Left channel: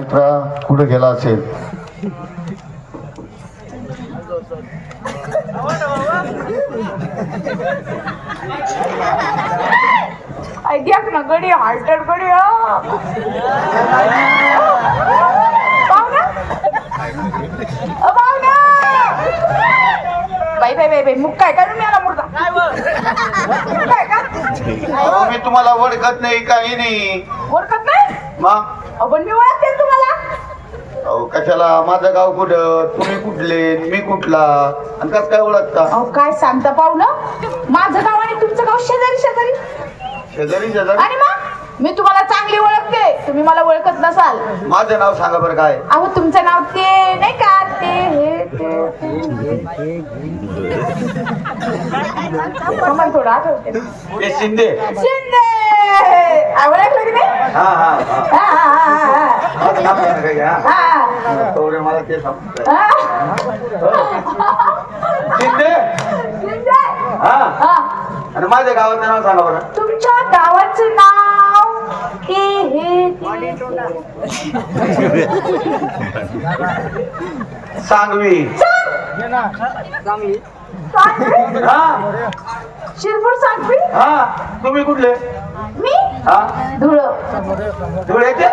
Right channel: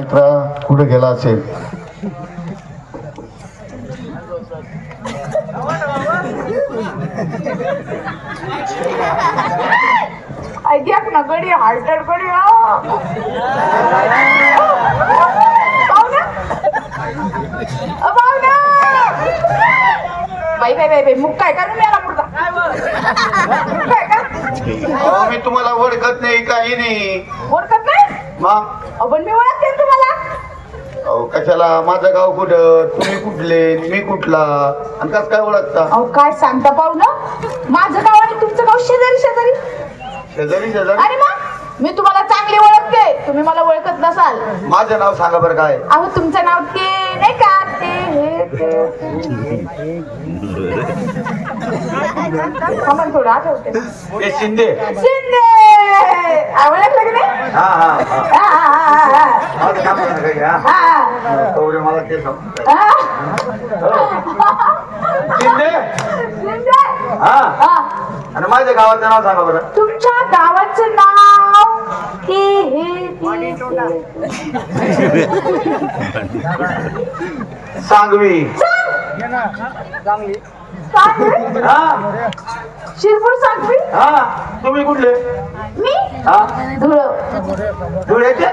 मित्रा कुठे गेला असेल? ऐक ना गडी हार्टर गडी बाई बाई बाई बाई मुख काय का काय मी तुम्हाला ओळखत नाही काही नाही. ओळखत नाही? मग? अहो, पण मी ओळखते. अहो कशाला? माझं गाव कुठं? तुम्ही कुठले? मी कुठला? आणि कसं काय ओळखता? अहो काय सांगता पाहुलं माझं गाव आणि तुमचं गाव शेजारी शेजारी. शेजारी शेजारी? आणि मग मी तुम्हाला चांगली ओळखते. तुम्ही मला ओळखत नसाल. माझं नाव सांगा बरं काय. अहो तुमचं नाव ते नाही का ते हे थोडं आठवते. ते शिंदे. शिंदे! ओळखलं की नाही? हा हा हा. हा, हा, हा, हा. हा? हा, तेवढे मला ते. हा. शिंदे शिंदे हा हा. आणि माझ्या गावाचं नाव सांगा बरं. तुमच्या गावाचं नाव हे ते. सांगवी. सांगवी? हा. शिरपूर सांगवी? हा. तुम्ही कुठले? मी? हा. धुळ. धुळ्याचे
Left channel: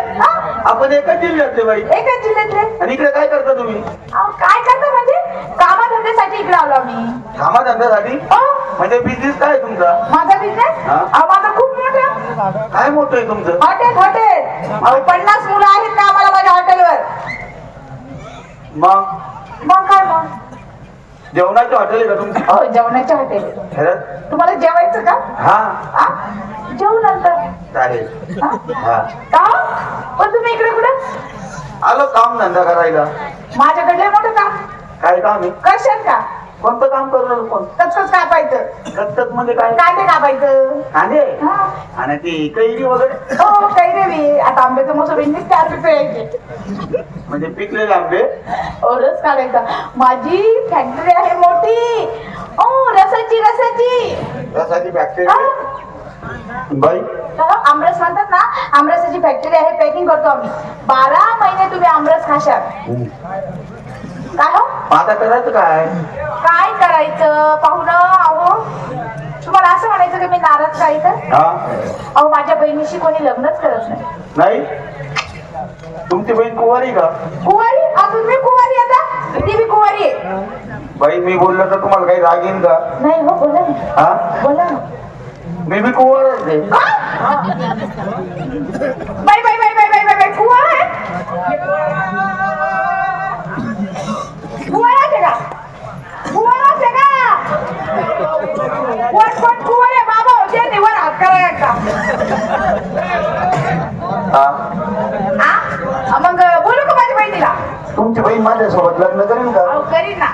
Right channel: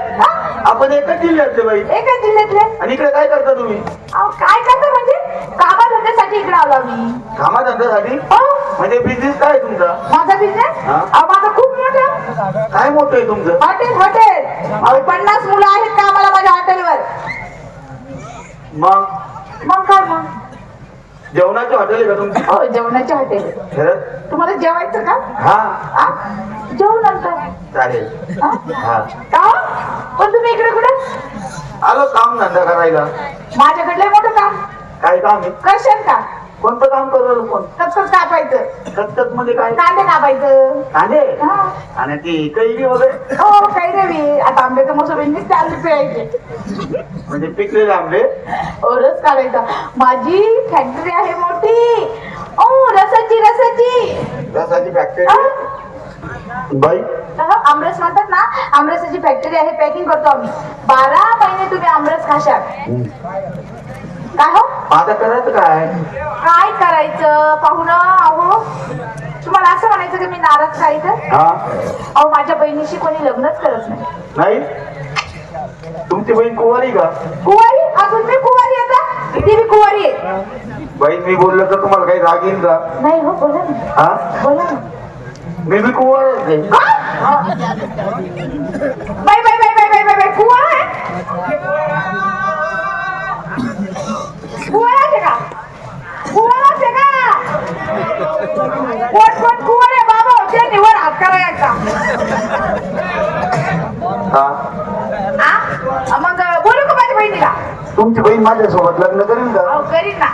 आपण एकच जिल्ह्यातले बाई. एका जिल्ह्यातले आणि इकडे काय करता तुम्ही? अहो, काय करतो म्हणजे? कामाधंद्यासाठी इकडे आलो आम्ही. कामाधंद्यासाठी? अहो, म्हणजे बिझनेस काय तुमचा? माझा बिझनेस हा? माझा खूप मोठा. काय मोठं आहे तुमचं? Hotel hotel. अहो पन्नास मुलं आहेत का आम्हाला माझ्या हॉटेलवर. मग? मग काय मग? जेवणाची हॉटेल आहे का तुमची? हो जेवणाचे हॉटेल. खरंच? तुम्हाला जेवायचं का? हा. हा? जेवू नंतर चालेल. हा? हा का? हो? पण तुम्ही इकडे कुठे? आलो काम धंदा करायला. माझ्याकडले मोठं काम. काय काम आहे? करशाल का? कोणतं काम करतो कोण कचकच कापायचं. कचकच मध्ये काय? कांदे कापायचं. कांदे? हा. आणि ती कैरी वगैरे? हो काही देवी आता आंब्याचं इंग्लिश चार रुपये म्हणजे पिकलेले आंबे? रस काढायचा. माझी फॅक्टरी आहे मोठी. ओ रसाची रसाची. रसाची फॅक्टरी बाई तर आमरस म्हणतात ना आमरसाची फॅक्टरी आहे पॅकिंग करतो आम्ही. बारा महिने तुम्ही आमरस खाशाल. काय हो? आता करायचं काय? काय करायचं? पाहुणं अहो. तुम्हाला असं म्हणायचं की मी नाराज काय तर अहो माझ्या बहिणीशी कोणी लग्नच करत नाही. नाही? तुमची बहीण कुवारी का? कुवारी? अजून मी कुवारी आता किती मी कुवारी आहे. बाई मी बोललो तर तुम्हाला काही राग येईल का? नाही हो बोला ना. बोला ना. मी बी कुवार आहे. Bye bye bye bye bye bye bye. कुवार आहे. कुवाराचे का कुवाराचे का कोण कोण कुवार आहे बाबा? होते निवर हात करायचा. हा? मग बोलू का माझ्या बहिणीला? तुमची बहीण माझ्यासोबत लग्न करीन का? अहो करीन ना.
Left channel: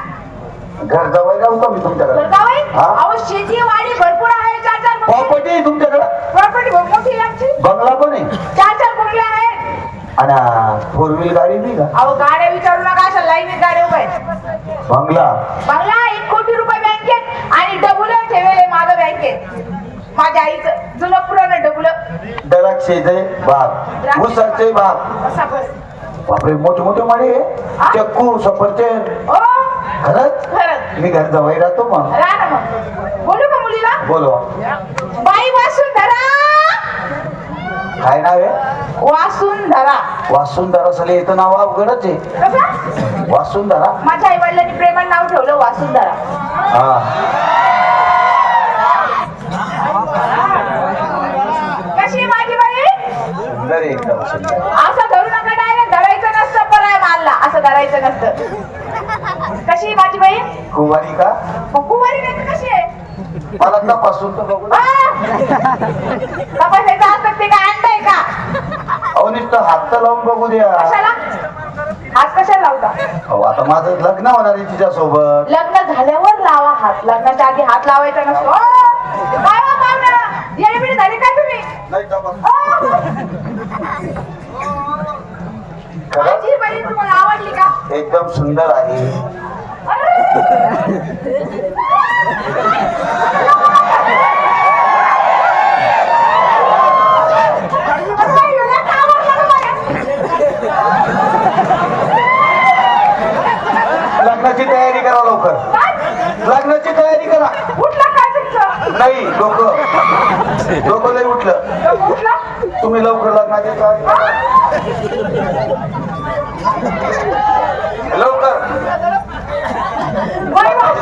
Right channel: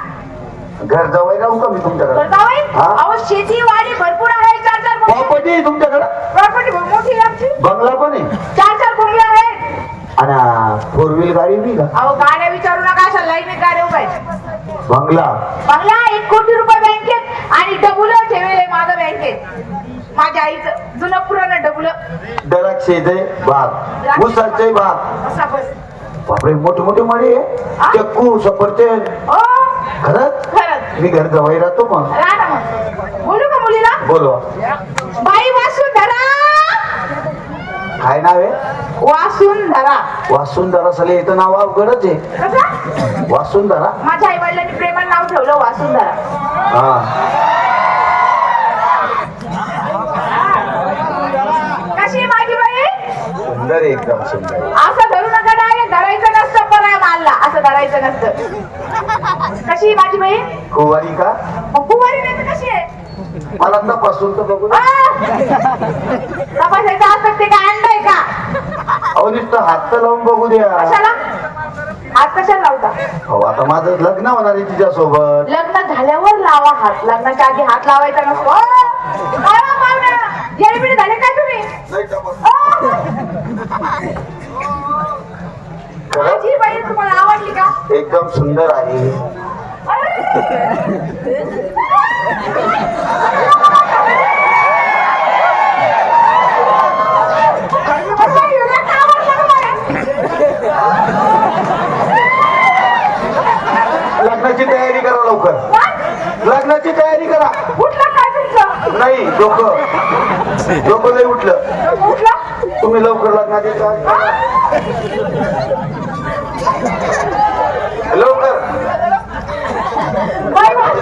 घर जवळ राहू का मी तुमच्याकडे? जावई? हा? अहो शेती वाडी भरपूर आहे चार चार बंगले- प्रॉपर्टी आहे तुमच्याकडे प्रॉपर्टी मोठी आहे आमची बंगला पण आहे. चार चार बंगले आहेत आणि फोर व्हील गाडी बी का अहो गाड्या विचारू नका अशा लाईनीत गाड्या आहेत बंगला. बंगला एक कोटी रुपये बँकेत आणि डबुलं ठेवले माझं बँकेत माझ्या आईचं जुनं पुराणं डबुलं द्राक्षेचे बाग. मुसाचे बाग. असा बस. बापरे मोठे मोठे मळे हा? चक्कू सफरचंद ओ खरंच? खरंच. मी घर जवळ राहतो मग राहा ना मग. बोलू का मुलीला? बोलवा. बाई वासुंधरा काय नाव आहे? वासुंधरा. वासुंधरा सले येतं नाव अवघडच आहे. कसं? वासुंधरा? माझ्या आई वडिलांनी प्रेमानं नाव ठेवलं वासुंधरा. हा. कशी आहे माझी बाई? सुंदर आहे एकदम सुंदर. असं धरू नका डायरेक्ट धरायचं नसतं पराय मारला असं धरायचं नसतं. कशी आहे माझी बाई? कुवारी का? कुवारी नाही तर कशी आहे? मला तपासून तर बघू ना. तपासायचं असतं ते काय? अहो नुसतं हात तर लावून बघू द्या. कशाला? हात कशाला लावता? हो आता माझं लग्न होणार आहे तिच्यासोबत. लग्न झाल्यावर लावा हात. लग्नाच्या आधी हात लावायचा नसतो. अ, काय हो पाहुण्याला? येडबिड झाले काय तुम्ही? नाही तपास अ, माझी बाई तुम्हाला आवडली का? एकदम सुंदर आहे. असं एवढं का आवडलं तुम्हाला? लग्नाची तयारी करा लवकर. काय? लग्नाची तयारी करा. कुठलं काय तुमचं? नाही डोकं. डोकं लय उठलं. तुम्ही लवकर लग्नाची तयारी करा. लवकर बाई, बाई,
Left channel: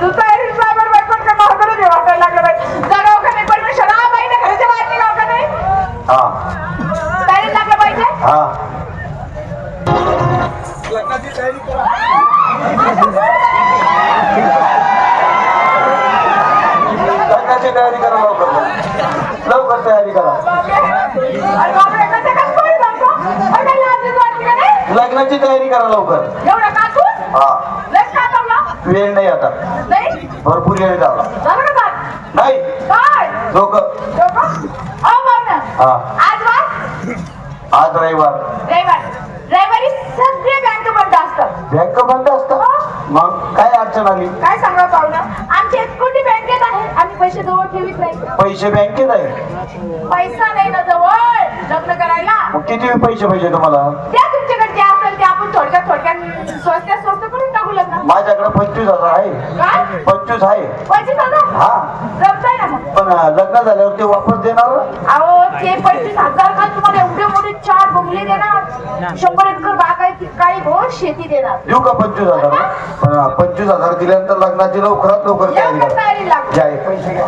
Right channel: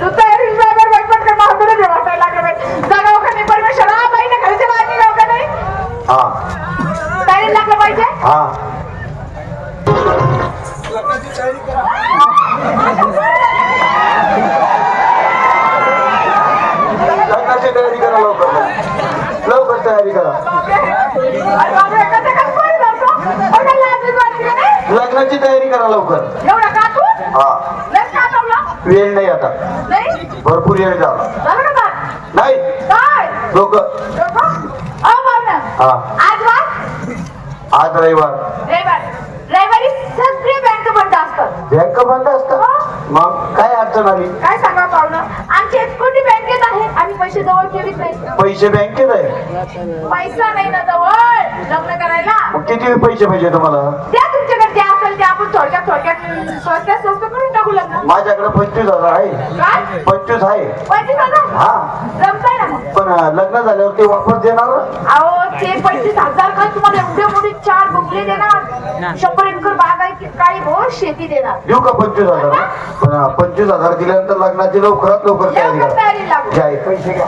तू तयारी जाणार बाई, पण काय मला थोडं जेवायला जायला लागलं बाई. जागाव का नाही परमेश्वर? हा, बाई, ना घरच्या बाहेर निघाव का नाही? हा तयारीला लागलं पाहिजे हा लग्नाची तयारी करा लवकर लवकर तयारी करा अरे बापरे, कसं काय पोरी लावतो? अरे लाजच वाटते का लग्नाची तयारी करा लवकर. एवढं का तू? हा. लस का जमलं? वेळ नाही आता. नाही? भरपूर वेळ झाला. झालं का? काम? नाही. काय? डोकं? अहो. हा. आज वार? आज रविवार. रविवार. रविवारी सगळे बँक बंद असतात बँक बंद असतं? मग काय अडचण आली? काय सांगा पाहुणं आमची एसकोटी बँकेत आहे. आम्ही पैसे जवळ ठेवीत नाही. पैसे बँकेत आहे? पैसा नाही ना जवळ. लग्न करायला. मग किती पैसे पाहिजे तुम्हाला? द्या तुमच्याकडे असेल ते आपण थोडक्यात थोडक्यात स्वस्त्यात स्वस्त करून टाकू लग्न माझ्याकडे पंचवीस हजार आहे. काय? पंचवीस आहे. पंचवीस हजार? हा. जमतंय ना मग. पण अं, लग्न झाल्यावर ते वापस देणार? अहो ते पंचवीस हजार काय तुम्हाला एवढे मोठे चार बंगले देणार. शंभर एकर बाग आहे काही बहुत शेती देणार. देऊ का पंचवीस हजार? पण अं, पंचवीस हजार दिल्यानंतर लग्नाची लवकरात लवकर तयारी लवकर करा. तयारी लागू. घ्या हे पैसे घ्या.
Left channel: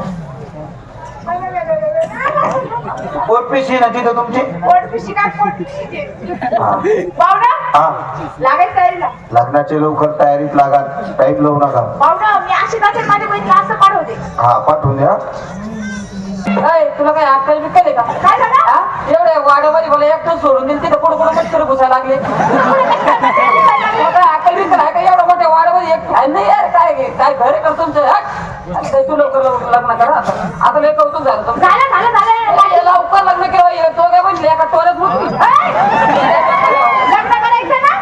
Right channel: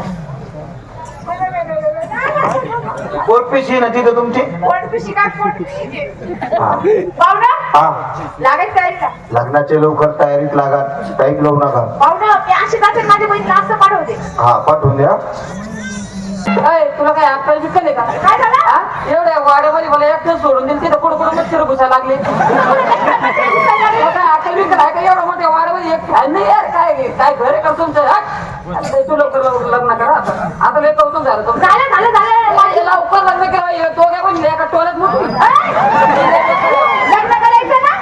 कोर्ट पिशी ना तिथे तुमची? पोटपिशी काय पोटपिशी हा. पाहुणा हा. लागायचं तयारीला. लग्नाचे लवकर तयारीत लागा टाईम लावू नका. पाहुणं मी अशी का माझ्या बहिणीला असं पाठवते. हा पाठवून द्या. अय, तुला काय अक्कल बिक्कल आहे का? काय झालं? हा? एवढ्या वाड्यामध्ये मला एकटं सोडून दिलं तिथं कुठं कुठं मच्छर घुसायला लागले. तुला काय अक्कल बिक्कल आहे का? एवढ्या मोठ्या वाड्यामध्ये एक नाही यार काय काय घर आहे का तुमचं? हट. तू लवकर लवकर लग्न करा. आता आता लय कौतुक झालं काय लवकर लग्न केलं तो काय म्हणजे एका टोल्यात लग्न करायचं ना?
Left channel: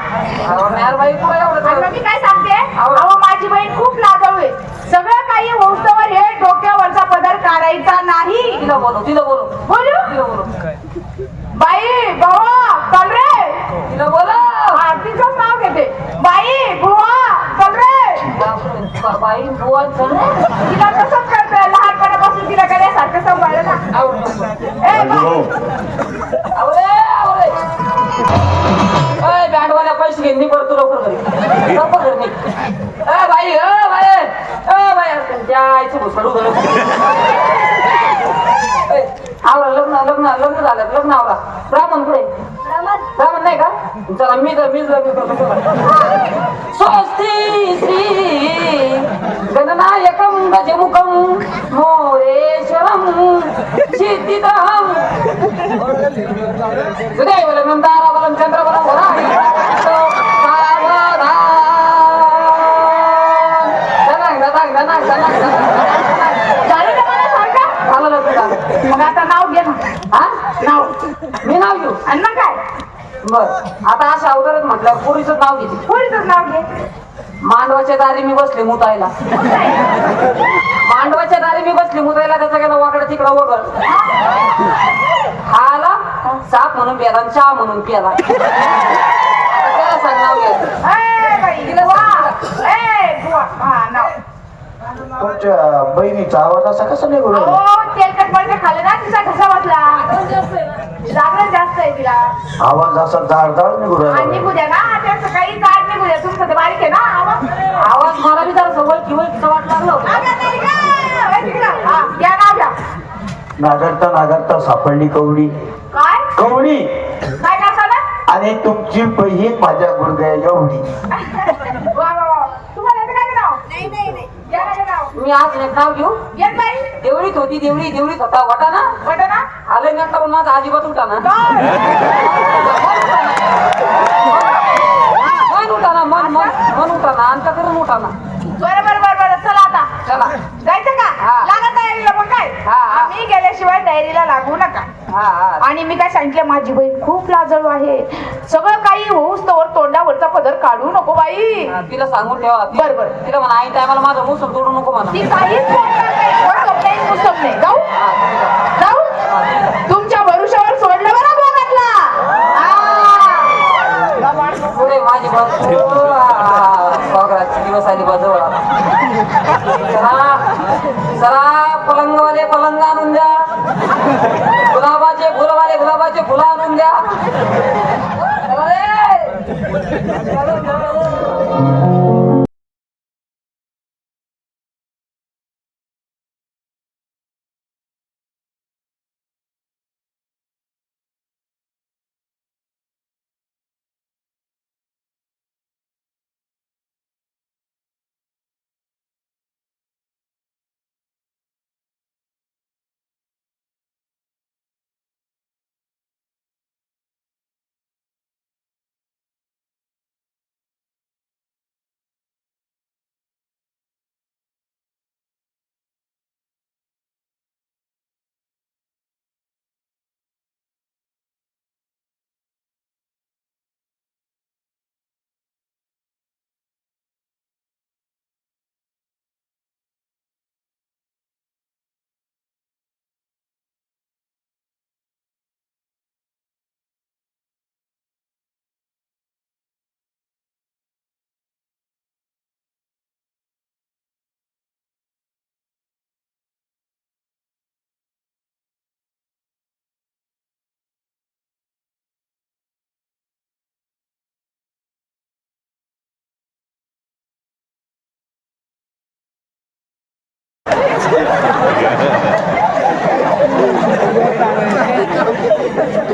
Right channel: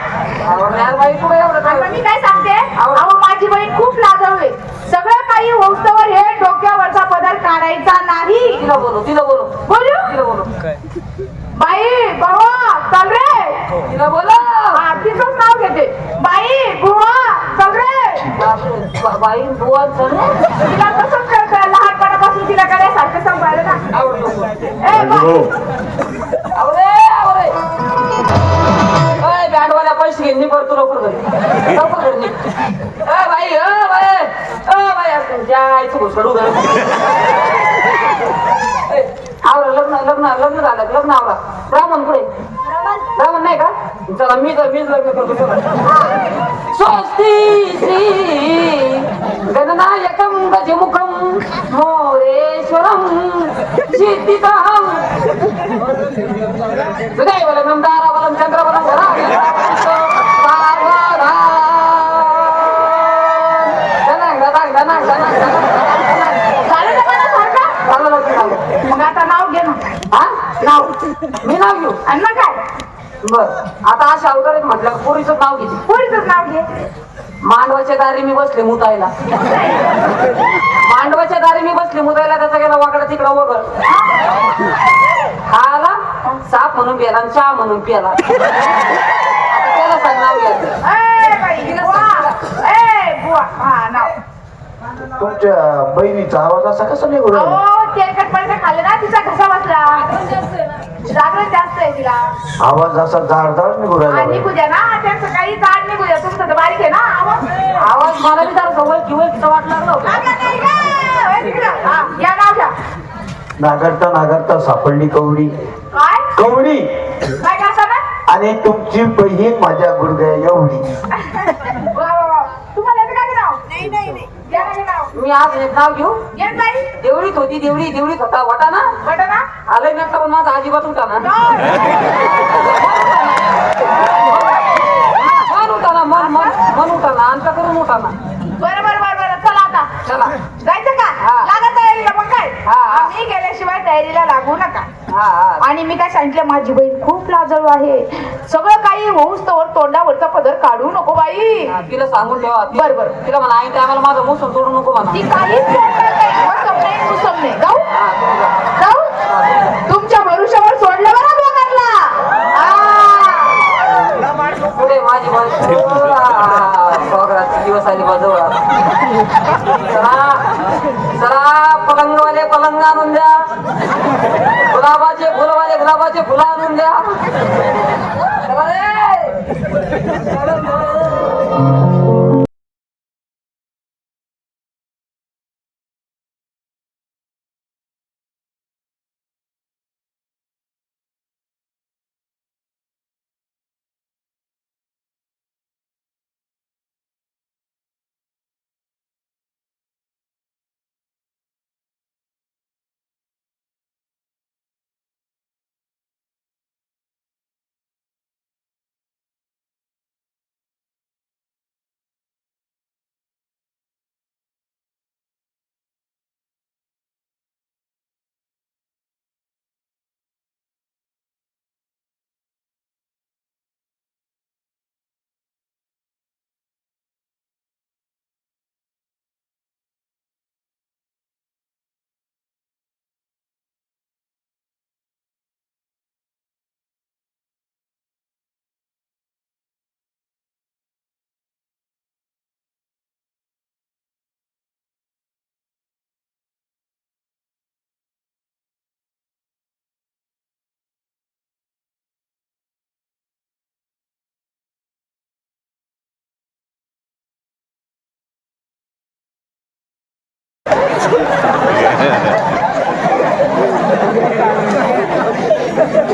बाई एवढं मी काय सांगते? अहो. माझी बहीण खूप लाजाळू आहे. सगळं काही होऊस्तवर हे डोक्यावरचा पदर काढायचा नाही. तिला बोलू तिला बोलू बोलू? तिला बोलू बाई बाबा चाल रे तिला बोला हा, तिचंच नाव घेते बाई बुवा चल रे बाई रे. तिला कसं कळतं? लहानपणापासून तिला करायसारखं सांभाळलं ना आवरे अय बँडवाल्या पैसे घे निघ तू लवकर लवकर घरी. ए बाई अ बाई. अ बाई जायचं घुसडू घरी आवरा लग्न लग्न लग्न झालं लग्न आवरा. ब्राह्मण पुढे ब्राह्मण. नाही का? चला मी तर मीच लग्न करतो. स्वस्ती श्री गणनायकं गजमुखं मोरेश्वरं सिद्धिदं सुदैवलं दारावलं चंद्रवलं झालं ना मला मग आता नाव घे ना नाव मी नाव घेऊ आणि मग काय बर आता अशा अवघड म्हटलं पोरीचं नाव घे पोरीचंच नाव घे मांडवाच्या दारी मी बसले मुतायला. मांडवाच्या दारी मी बसले मुतायला त्याचा गेला वाकडा तिकडं वगळ. हा आला साप म्हणून प्याला चहा म्हणून प्याला त्याला सांग नाव घ्यायचं. तुमच्या बहिणीचा आवाज असा कसा निघून राहिला? खाल्लं ना तिचा घसा बसला. जागरण जास्त आहे तिला. आवाज असा जाड जाड आणि राहिला निघू द्या ना काही जाड निघू द्या. तुमचं तर बारीक आहे ना आवाज. आवाज मला बी जरा सवय किंवा वाट लागलं. हा, या घ्या. नागरता नागरता सापडली कवडी. काय? कवडी. काय करता आणि तुमची बहीण माझ्या गुडघ्या एवढी वा वा वा तुम्हाला येतं का गं नाव नाही नाही नाही या ना गं नाव मी आज एक नाव घेऊ? नाही देवळीत होती देवळी देवळीत होता. वाटा ना? कळतं ना? नका पण माझा अजिबात उठा ना. मन उठा ना मन मन मन उठा ना. आमच्या करून उठा ना. बरं बरं बरं बरं. चला आता. चला. जायचं का? हा. लागा तयारीला मग काय. आम्ही गेल्याशिवाय तयारीला लागू नका. आणि मी काय सांगितलं माझी खूप लाजळू आहे. सगळं काही होऊस तोवर तोंडावरचा पदर काढू नको बाई. तिला सांगून ठेवा. बरं, बरं. तिला म्हणा आई टायमाला माझं मोसून तोडू नको म्हणा. ती काहीच बोलणार नाही. मोसम नाही मुसम नाही. जाऊ. तुम्ही जा. जाऊ. तुमच्या भरुशावर सोडलं बरं दोघांना. पुढे माझी दिवस आले बाजूला. चला पलंगवाले पलंग आणून द्या. गुलाबाचे फुलवाले गुलाबाचे फुलं आणून द्या.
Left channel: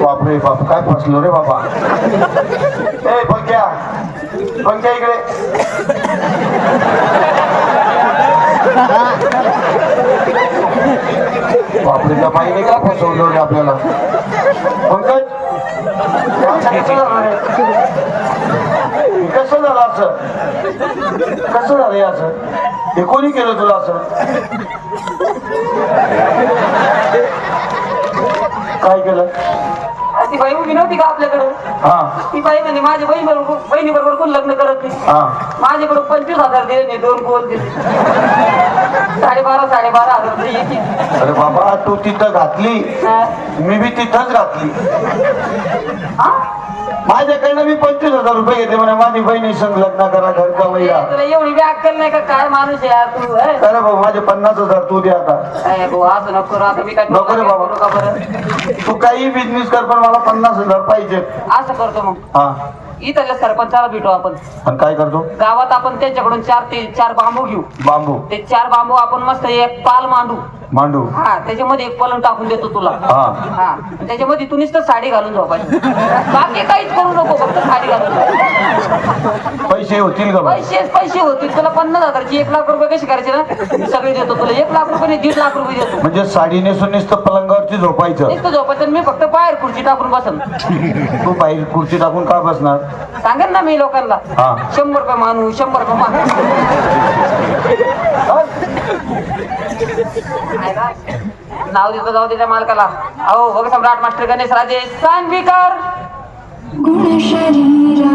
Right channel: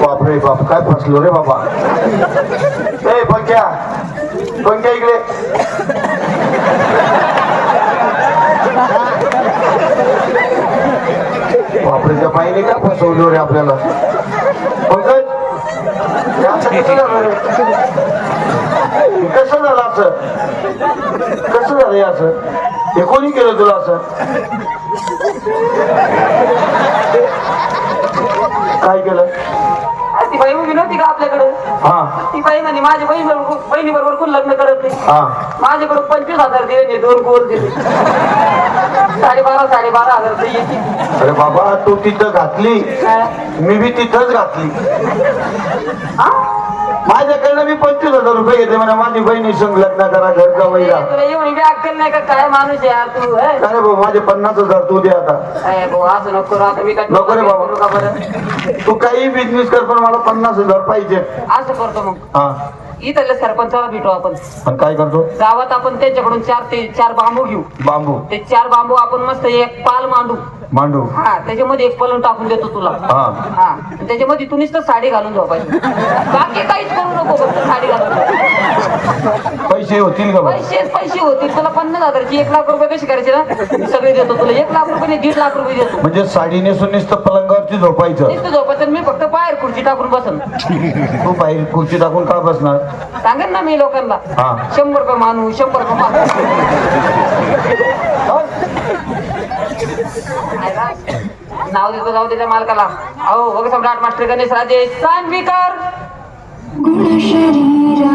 बापरे बाप काय फसलो रे बाबा? ए पंख्या पंख्या इकडे. बापरे त्या बाईने का फसवतो रे आपल्याला? पंकज हे असं कसं झालं रे? कसं झालं असं? कसं झालं असं? हे कोणी केलं तुला असं? काय केलं? ती बाई उभी नव्हती का आपल्याकडं? हा. ती बाई म्हणे माझ्या बहीण बरोबर बहिणी बरोबर कोण लग्न करत नाही हा. माझ्याकडे पंचवीस हजार दिले नाही दोन गोल दिले. साडेबारा साडेबारा हजार दिले. अरे बाबा तू तिथं घातली. मी बी तिथंच घातली. माझ्याकडनं मी पंचवीस हजार रुपये घेते म्हणा माझी बहिणी संग लग्न करा घरचा महिला तुला एवढी बी अक्कल नाही का? काय माणूस आहे यार तू हे? अरे भाऊ माझे पन्नास हजार तू दे आता. ए, भाऊ असं नको रे, आता मी काय नको रे बाबा. का बरं? तू काही बिझनेस कर पण मला पन्नास हजार पाहिजे. असं करतो मग. हा. इथल्या सरपंचाला भेटू आपण. पण काय करतो? गावात आपण त्यांच्याकडून चार ते चार बांबू घेऊ. बांबू. ते चार बांबू आपण मस्त एक पाल मांडू. मांडू. हा त्याच्यामध्ये एक पलंग टाकून देतो तुला. हा. हा आणि त्याच्यामध्ये तू नुसतं साडी घालून झोपायची बाकी काहीच करू नको फक्त साडी घालून झोप. पैसे होतील का भाऊ? पैसे पैसे होतील. तुला पन्नास हजारची एक लाख रुपये कशी करायचे ना? मी सगळे देतो तुला. एक लाख रुपये नाही, दीड लाख रुपये देतो. म्हणजे साडी नेसून नुसतं पलंगावरती झोपायचं. नुसतं झोपायचं. मी फक्त बाहेर खुर्ची टाकून बसन तू बाहेर खुर्ची टाकून का बसणार? सांगेन ना मी लोकांना. हा. शंभर रुपये मानू शंभर रुपये मानू. नाव देतो जाऊ त्याच्या मालकाला. अहो बघ सम्राट मास्टर गणेश राजे सांगवीकर गुणशरीरा